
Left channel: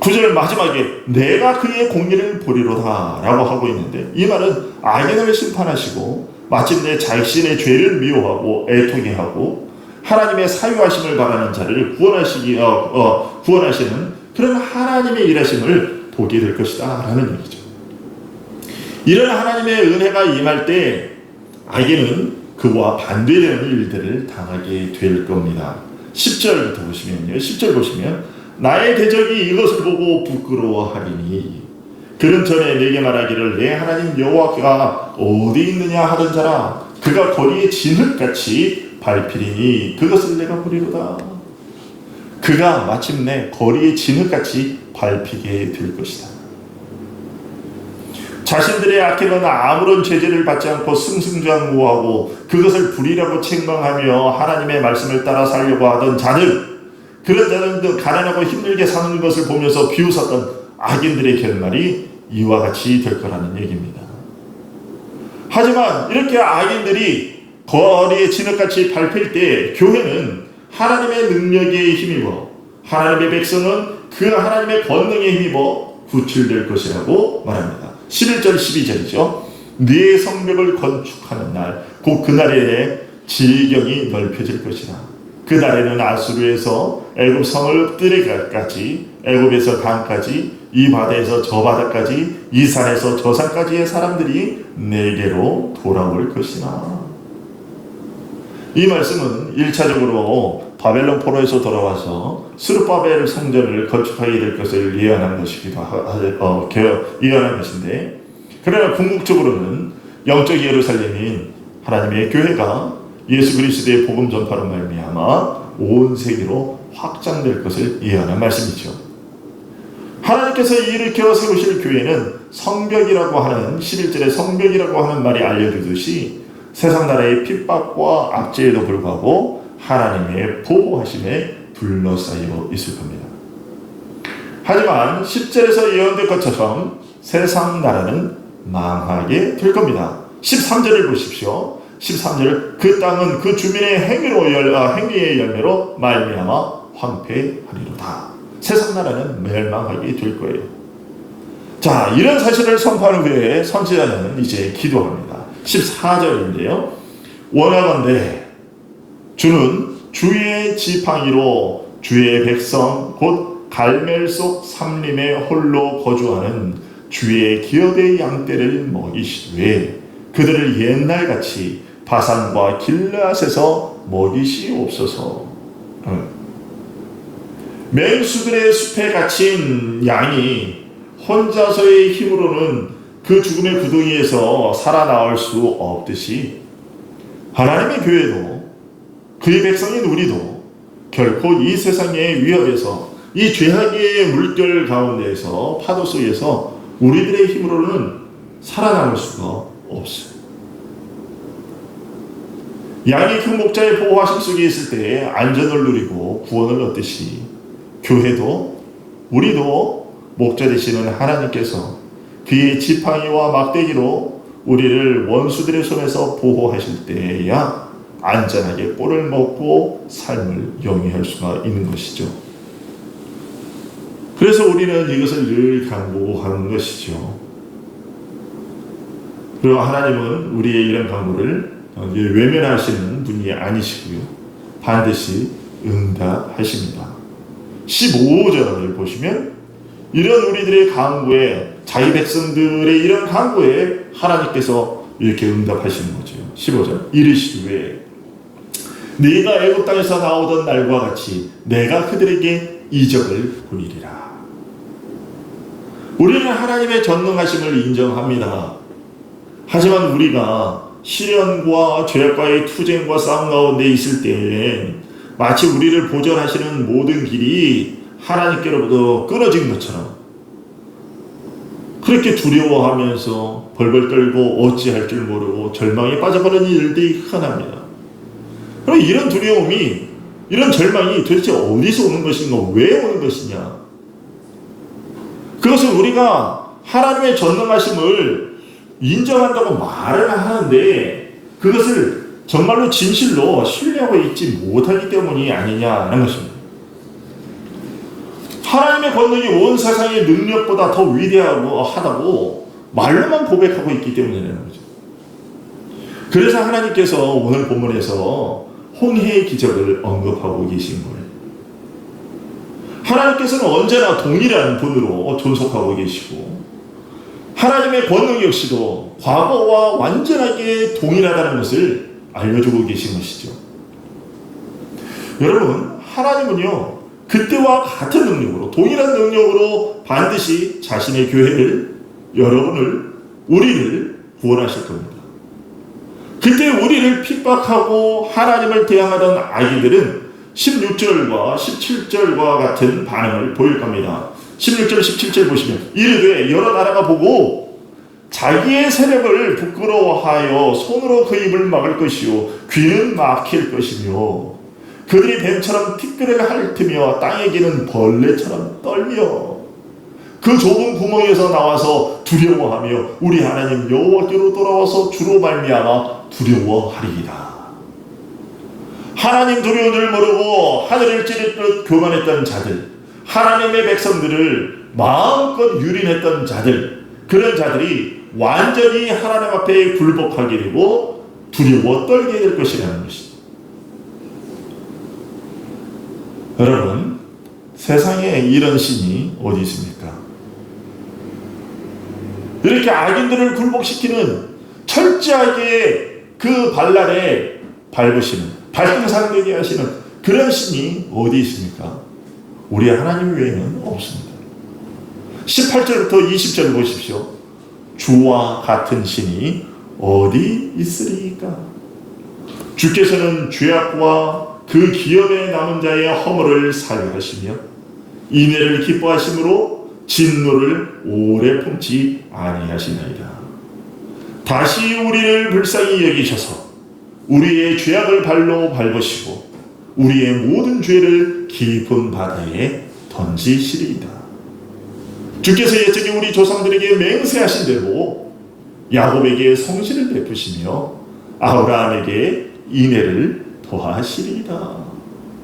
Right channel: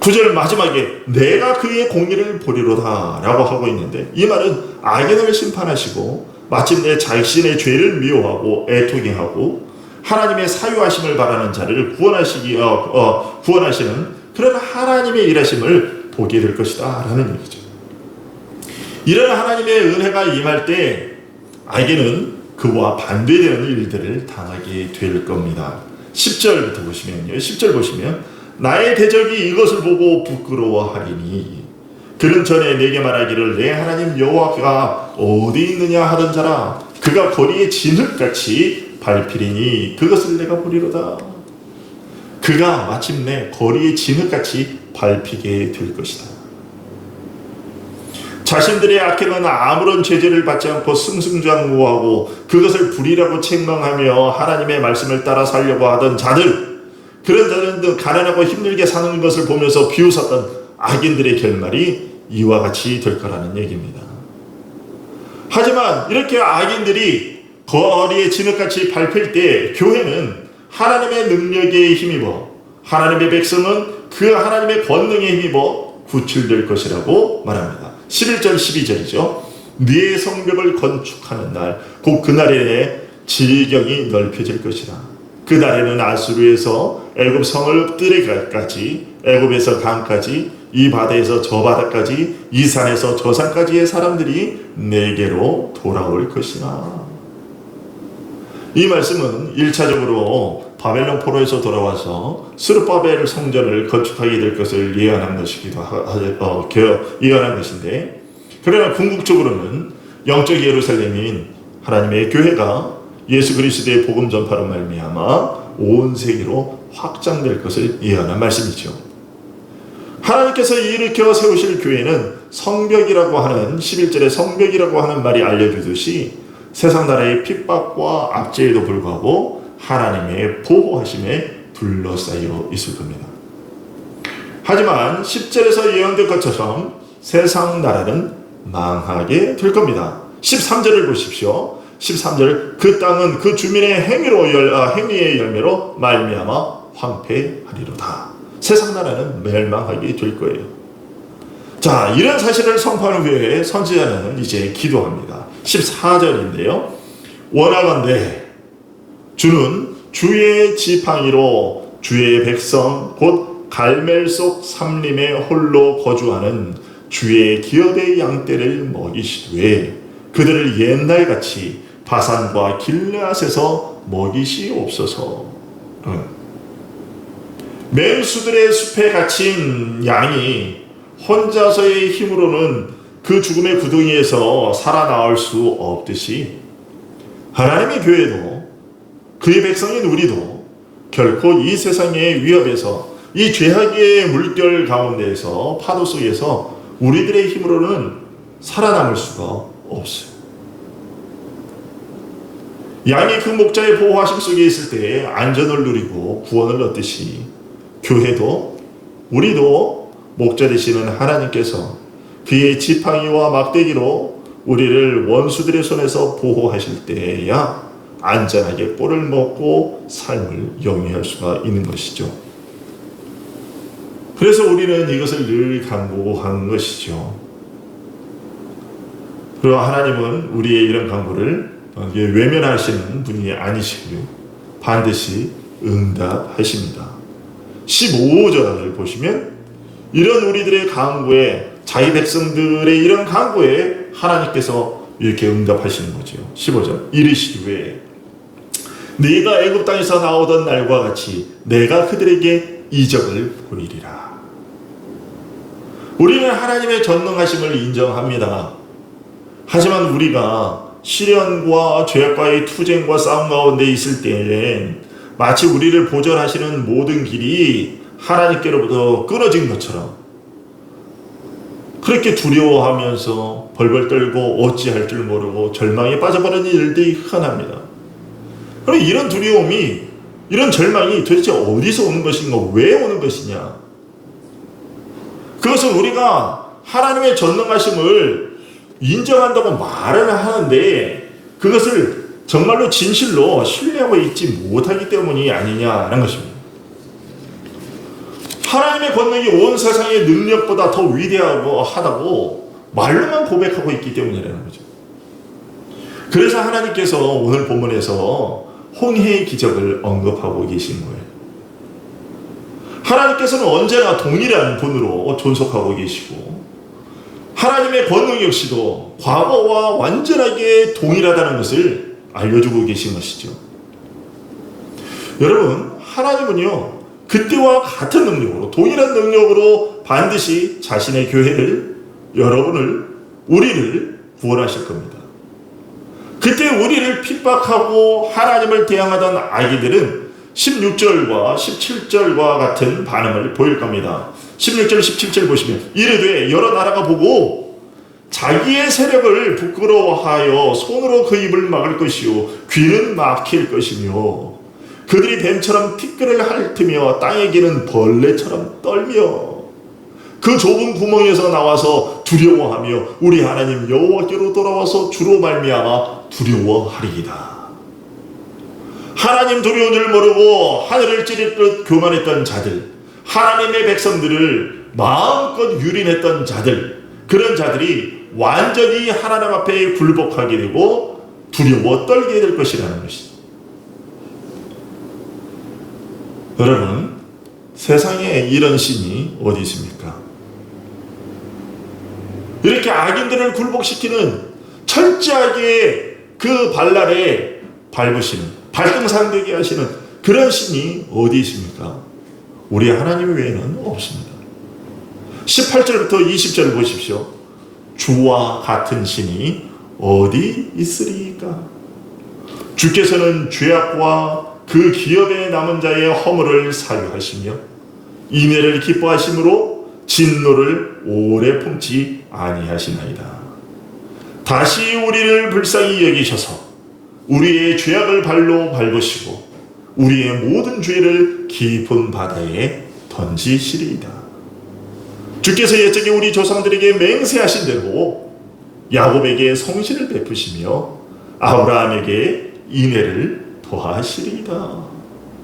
9절 마지막에 내가 그의 공의를 보리로다 라고 하고 있는데, 이 말은 악인을 심판하시고 마침내 자신의 죄를 미워하고 애통해 하고 하나님의 사유하심을 바라는 자를 구원하시는 그런 하나님의 일하심을 보게 될 것이다 라는 얘기죠. 이런 하나님의 은혜가 임할 때 악인은 그와 반대되는 일들을 당하게 될 겁니다. 10절부터 보시면요, 10절 보시면 나의 대적이 이것을 보고 부끄러워하리니 그는 전에 내게 말하기를 내 하나님 여호와가 어디 있느냐 하던 자라, 그가 거리에 진흙같이 밟히리니 그것을 내가 보리로다. 그가 마침내 거리에 진흙같이 밟히게 될 것이다. 자신들의 악행은 아무런 제재를 받지 않고 승승장구하고 그것을 불의라고 책망하며 하나님의 말씀을 따라 살려고 하던 자들, 그런 자들은 가난하고 힘들게 사는 것을 보면서 비웃었던 악인들의 결말이 이와 같이 될 거라는 얘기입니다. 하지만 이렇게 악인들이 거리에 진흙같이 밟힐 때 교회는 하나님의 능력에 힘입어, 하나님의 백성은 그 하나님의 권능에 힘입어 구출될 것이라고 말합니다. 11절 12절이죠. 네 성벽을 건축하는 날, 곧 그날에 질경이 넓혀질 것이라. 그날에는 아수르에서 애굽 성을 엎드레까지, 애굽에서 강까지, 이 바다에서 저 바다까지, 이 산에서 저 산까지의 사람들이 내게로 돌아올 것이나. 이 말씀은 1차적으로 바벨론 포로에서 돌아와서 스룹바벨 성전을 건축하게 될 것을 예언한 것이기도 예언한 것인데, 그러나 궁극적으로는 영적 예루살렘인 하나님의 교회가 예수 그리스도의 복음 전파로 말미암아 온 세계로 확장될 것을 예언한 말씀이죠. 하나님께서 일으켜 세우실 교회는 성벽이라고 하는, 11절에 성벽이라고 하는 말이 알려주듯이 세상 나라의 핍박과 압제에도 불구하고 하나님의 보호하심에 둘러싸여 있을 겁니다. 하지만 10절에서 예언된 것처럼 세상 나라는 망하게 될 겁니다. 13절을 보십시오. 13절, 그 땅은 그 주민의 행위의 열매로 말미암아 황폐하리로다. 세상 나라는 멸망하게 될 거예요. 자, 이런 사실을 선포한 후에 선지자는 이제 기도합니다. 14절인데요. 원하건대 주는 주의 지팡이로 주의 백성 곧 갈멜 속 삼림에 홀로 거주하는 주의 기업의 양떼를 먹이시되 그들을 옛날같이 바산과 길르앗에서 먹이시옵소서. 맹수들의 숲에 갇힌 양이 혼자서의 힘으로는 그 죽음의 구덩이에서 살아나올 수 없듯이 하나님의 교회도, 그의 백성인 우리도 결코 이 세상의 위협에서, 이 죄악의 물결 가운데에서, 파도 속에서 우리들의 힘으로는 살아남을 수가 없어요. 양이 그 목자의 보호하심 속에 있을 때 안전을 누리고 구원을 얻듯이 교회도, 우리도 목자 되시는 하나님께서 그의 지팡이와 막대기로 우리를 원수들의 손에서 보호하실 때에야 안전하게 꼴을 먹고 삶을 영위할 수가 있는 것이죠. 그래서 우리는 이것을 늘 간구하는 것이죠. 그리고 하나님은 우리의 이런 간구를 외면하시는 분이 아니시고요. 반드시 응답하십니다. 15절을 보시면 이런 우리들의 간구에, 자기 백성들의 이런 간구에 하나님께서 이렇게 응답하시는 거죠. 15절 이르시되 네가 애굽 땅에서 나오던 날과 같이 내가 그들에게 이적을 보이리라. 우리는 하나님의 전능하심을 인정합니다. 하지만 우리가 시련과 죄악과의 투쟁과 싸움 가운데 있을 때엔 마치 우리를 보존하시는 모든 길이 하나님께로부터 끊어진 것처럼 그렇게 두려워하면서 벌벌 떨고 어찌할 줄 모르고 절망에 빠져버리는 일들이 흔합니다. 그럼 이런 두려움이, 이런 절망이 도대체 어디서 오는 것인가, 왜 오는 것이냐? 그것은 우리가 하나님의 전능하심을 인정한다고 말은 하는데 그것을 정말로 진실로 신뢰하고 있지 못하기 때문이 아니냐라는 것입니다. 하나님의 권능이 온 세상의 능력보다 더 위대하다고 말로만 고백하고 있기 때문이라는 거죠. 그래서 하나님께서 오늘 본문에서 홍해의 기적을 언급하고 계신 거예요. 하나님께서는 언제나 동일한 분으로 존속하고 계시고 하나님의 권능 역시도 과거와 완전하게 동일하다는 것을 알려주고 계신 것이죠. 여러분, 하나님은요, 그때와 같은 능력으로, 동일한 능력으로 반드시 자신의 교회를, 여러분을, 우리를 구원하실 겁니다. 그때 우리를 핍박하고 하나님을 대항하던 악인들은 16절과 17절과 같은 반응을 보일 겁니다. 16절, 17절 보시면 이르되 여러 나라가 보고 자기의 세력을 부끄러워하여 손으로 그 입을 막을 것이요 귀는 막힐 것이며 그들이 뱀처럼 티끌을 핥으며 땅에 기는 벌레처럼 떨며 그 좁은 구멍에서 나와서 두려워하며 우리 하나님 여호와께로 돌아와서 주로 말미암아 두려워하리이다. 하나님 두려운 줄 모르고 하늘을 찌르듯 교만했던 자들, 하나님의 백성들을 마음껏 유린했던 자들, 그런 자들이 완전히 하나님 앞에 굴복하게 되고 두려워 떨게 될 것이라는 것이죠. 여러분, 세상에 이런 신이 어디 있습니까? 이렇게 악인들을 굴복시키는, 철저하게 그 발날에 밟으시는, 발등상되게 하시는 그런 신이 어디 있습니까? 우리 하나님 외에는 없습니다. 18절부터 20절을 보십시오. 주와 같은 신이 어디 있으리까? 주께서는 죄악과 그 기업에 남은 자의 허물을 사유하시며 인애를 기뻐하심으로 진노를 오래 품지 아니하시나이다. 다시 우리를 불쌍히 여기셔서 우리의 죄악을 발로 밟으시고 우리의 모든 죄를 깊은 바다에 던지시리이다. 주께서 옛적에 우리 조상들에게 맹세하신 대로 야곱에게 성실을 베푸시며 아브라함에게 인애를 더하시리이다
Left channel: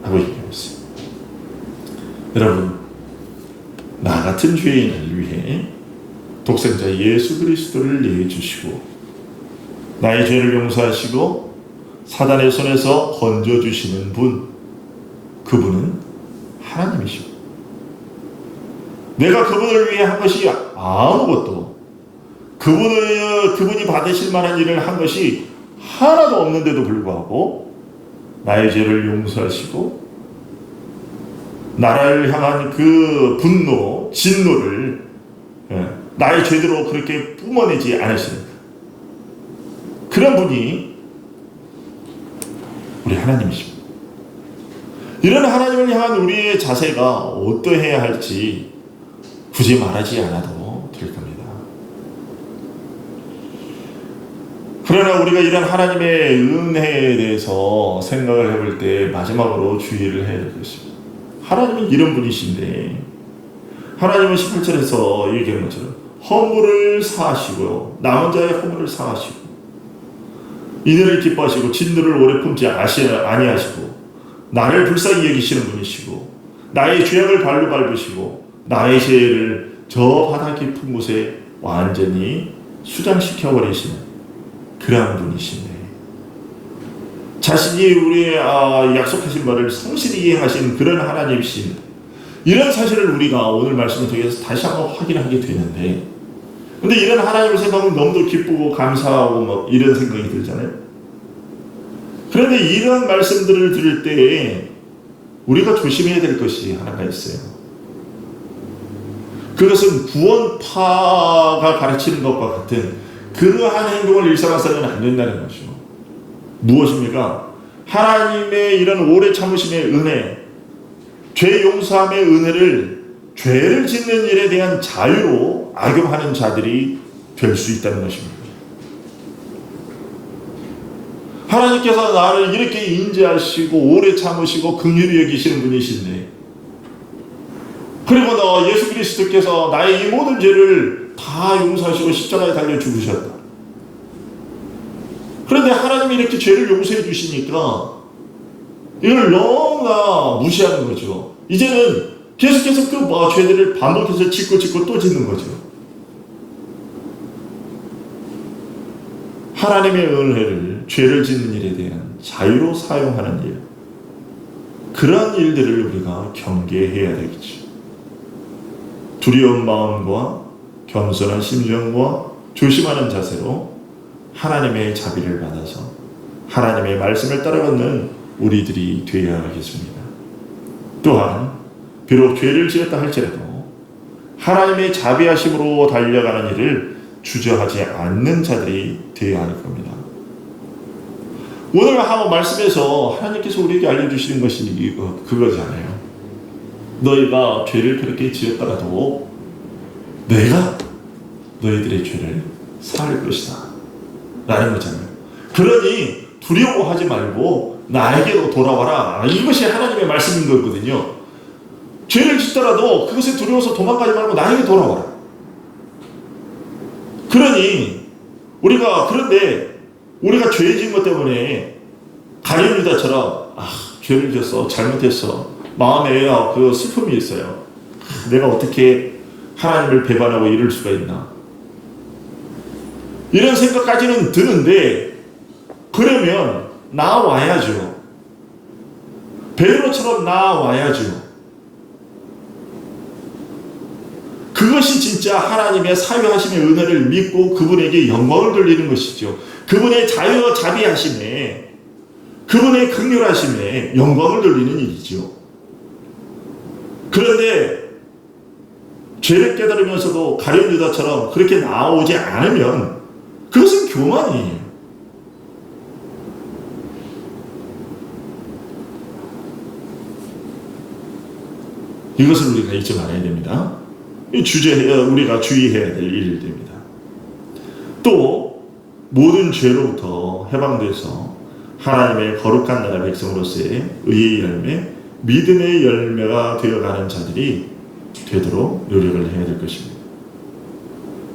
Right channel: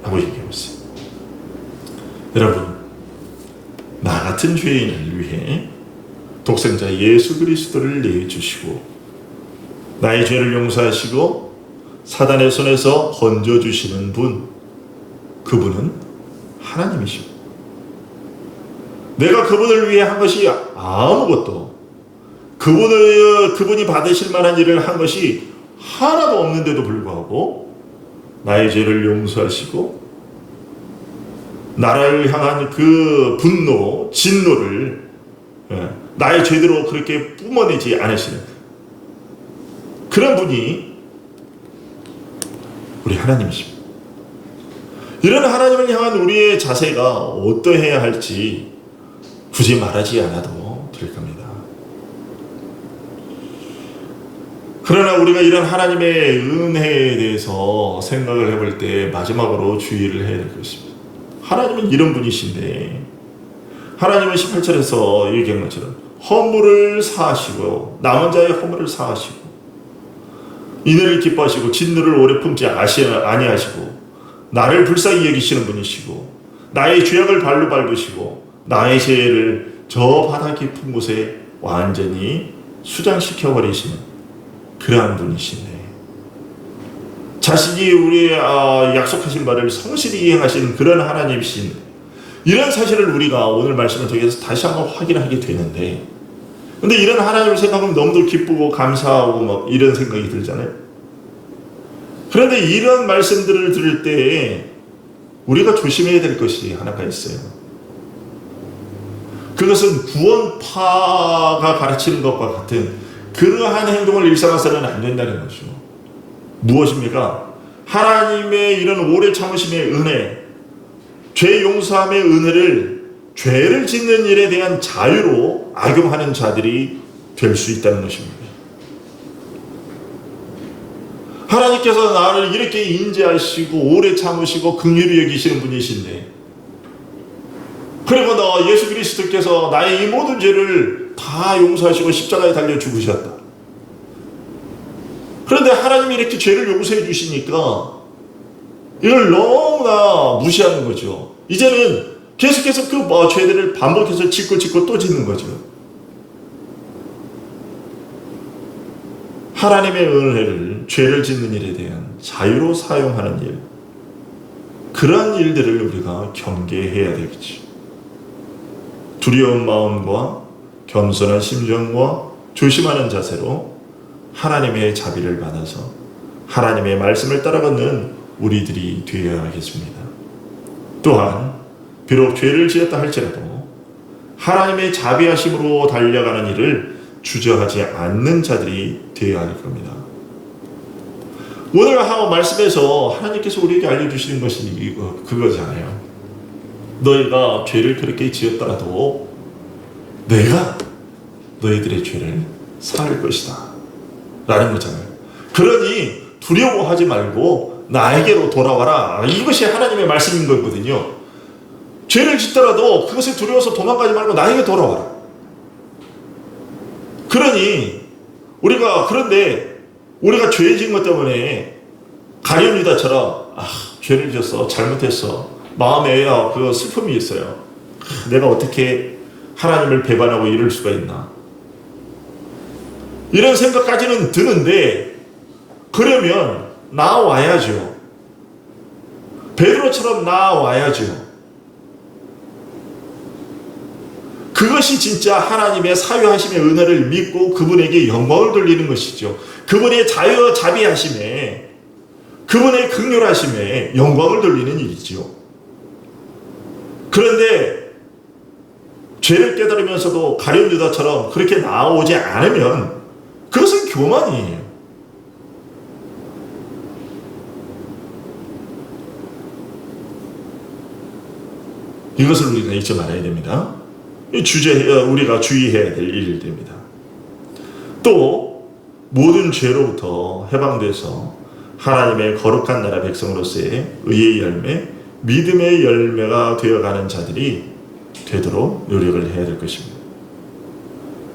라고 얘기하고 있어요. 여러분, 나 같은 죄인을 위해 독생자 예수 그리스도를 내주시고 나의 죄를 용서하시고 사단의 손에서 건져주시는 분, 그분은 하나님이십니다. 내가 그분을 위해 한 것이 아무것도, 그분이 받으실 만한 일을 한 것이 하나도 없는데도 불구하고 나의 죄를 용서하시고 나를 향한 그 분노, 진노를 나의 죄대로 그렇게 뿜어내지 않으시는 그런 분이 우리 하나님이십니다. 이런 하나님을 향한 우리의 자세가 어떠해야 할지 굳이 말하지 않아도 될 겁니다. 그러나 우리가 이런 하나님의 은혜에 대해서 생각을 해볼 때 마지막으로 주의를 해야 될 것입니다. 하나님은 이런 분이신데 하나님은 18절에서 얘기한 것처럼 허물을 사하시고요. 남은 자의 허물을 사하시고 이들을 기뻐하시고 진노를 오래 품지 아니하시고 나를 불쌍히 여기시는 분이시고 나의 죄악을 발로 밟으시고 나의 죄를 저 바다 깊은 곳에 완전히 수장시켜 버리시는 그러한 분이시네. 자신이 우리의 약속하신 바를 성실히 이행하시는 그런 하나님이신 이런 사실을 우리가 오늘 말씀을 통해서 다시 한번 확인하게 되는데, 근데 이런 하나님을 생각하면 너무도 기쁘고 감사하고 막 이런 생각이 들잖아요. 그런데 이런 말씀들을 들을 때 우리가 조심해야 될 것이 하나가 있어요. 그것은 구원파가 가르치는 것과 같은 그러한 행동을 일삼아서는 안 된다는 것이죠. 무엇입니까? 하나님의 이런 오래 참으심의 은혜, 죄 용서함의 은혜를 죄를 짓는 일에 대한 자유로 악용하는 자들이 될 수 있다는 것입니다. 하나님께서 나를 이렇게 인자하시고 오래 참으시고 긍휼히 여기시는 분이신데, 그리고 너 예수 그리스도께서 나의 이 모든 죄를 다 용서하시고 십자가에 달려 죽으셨다. 그런데 하나님이 이렇게 죄를 용서해 주시니까 이걸 너무나 무시하는 거죠. 이제는 계속해서 그 죄들을 반복해서 짓고 또 짓는 거죠. 하나님의 은혜를 죄를 짓는 일에 대한 자유로 사용하는 일, 그러한 일들을 우리가 경계해야 되겠죠. 두려운 마음과 겸손한 심정과 조심하는 자세로 하나님의 자비를 받아서 하나님의 말씀을 따라 걷는 우리들이 되어야 하겠습니다. 또한 비록 죄를 지었다 할지라도 하나님의 자비하심으로 달려가는 일을 주저하지 않는 자들이 되어야 할 겁니다. 오늘 말씀에서 하나님께서 우리에게 알려주시는 것이 그거잖아요. 너희가 죄를 그렇게 지었더라도 내가 너희들의 죄를 사할 것이다 라는 거잖아요. 그러니 두려워하지 말고 나에게로 돌아와라. 이것이 하나님의 말씀인 거거든요. 죄를 짓더라도 그것에 두려워서 도망가지 말고 나에게 돌아와라. 그러니 그런데 우리가 죄 지은 것 때문에 가룟 유다처럼 죄를 지었어, 잘못했어, 마음에 그 슬픔이 있어요. 내가 어떻게 하나님을 배반하고 이럴 수가 있나, 이런 생각까지는 드는데, 그러면 나와야죠. 베드로처럼 나와야죠. 그것이 진짜 하나님의 사유하심의 은혜를 믿고 그분에게 영광을 돌리는 것이죠. 그분의 자비하심에, 그분의 긍휼하심에 영광을 돌리는 일이죠. 그런데 죄를 깨달으면서도 가룟 유다처럼 그렇게 나오지 않으면 그것은 교만이에요. 이것을 우리가 잊지 말아야 됩니다. 우리가 주의해야 될 일들입니다. 또 모든 죄로부터 해방돼서 하나님의 거룩한 나라 백성으로서의 의의 열매, 믿음의 열매가 되어가는 자들이 되도록 노력을 해야 될 것입니다.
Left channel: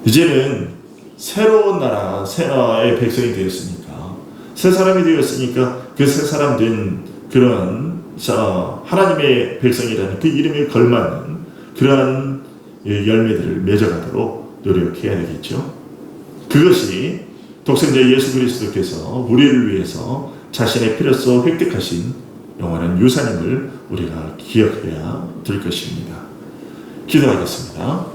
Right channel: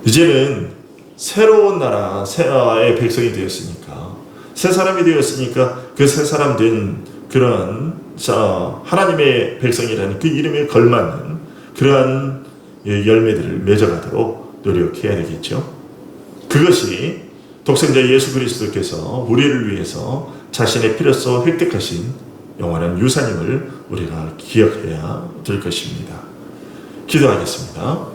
이제는 새로운 나라의 백성이 되었으니까, 새 사람이 되었으니까 그 새 사람 된 그런 하나님의 백성이라는 그 이름에 걸맞는 그러한 열매들을 맺어가도록 노력해야 되겠죠. 그것이 독생자 예수 그리스도께서 우리를 위해서 자신의 피로써 획득하신 영원한 유산임을 우리가 기억해야 될 것입니다. 기도하겠습니다.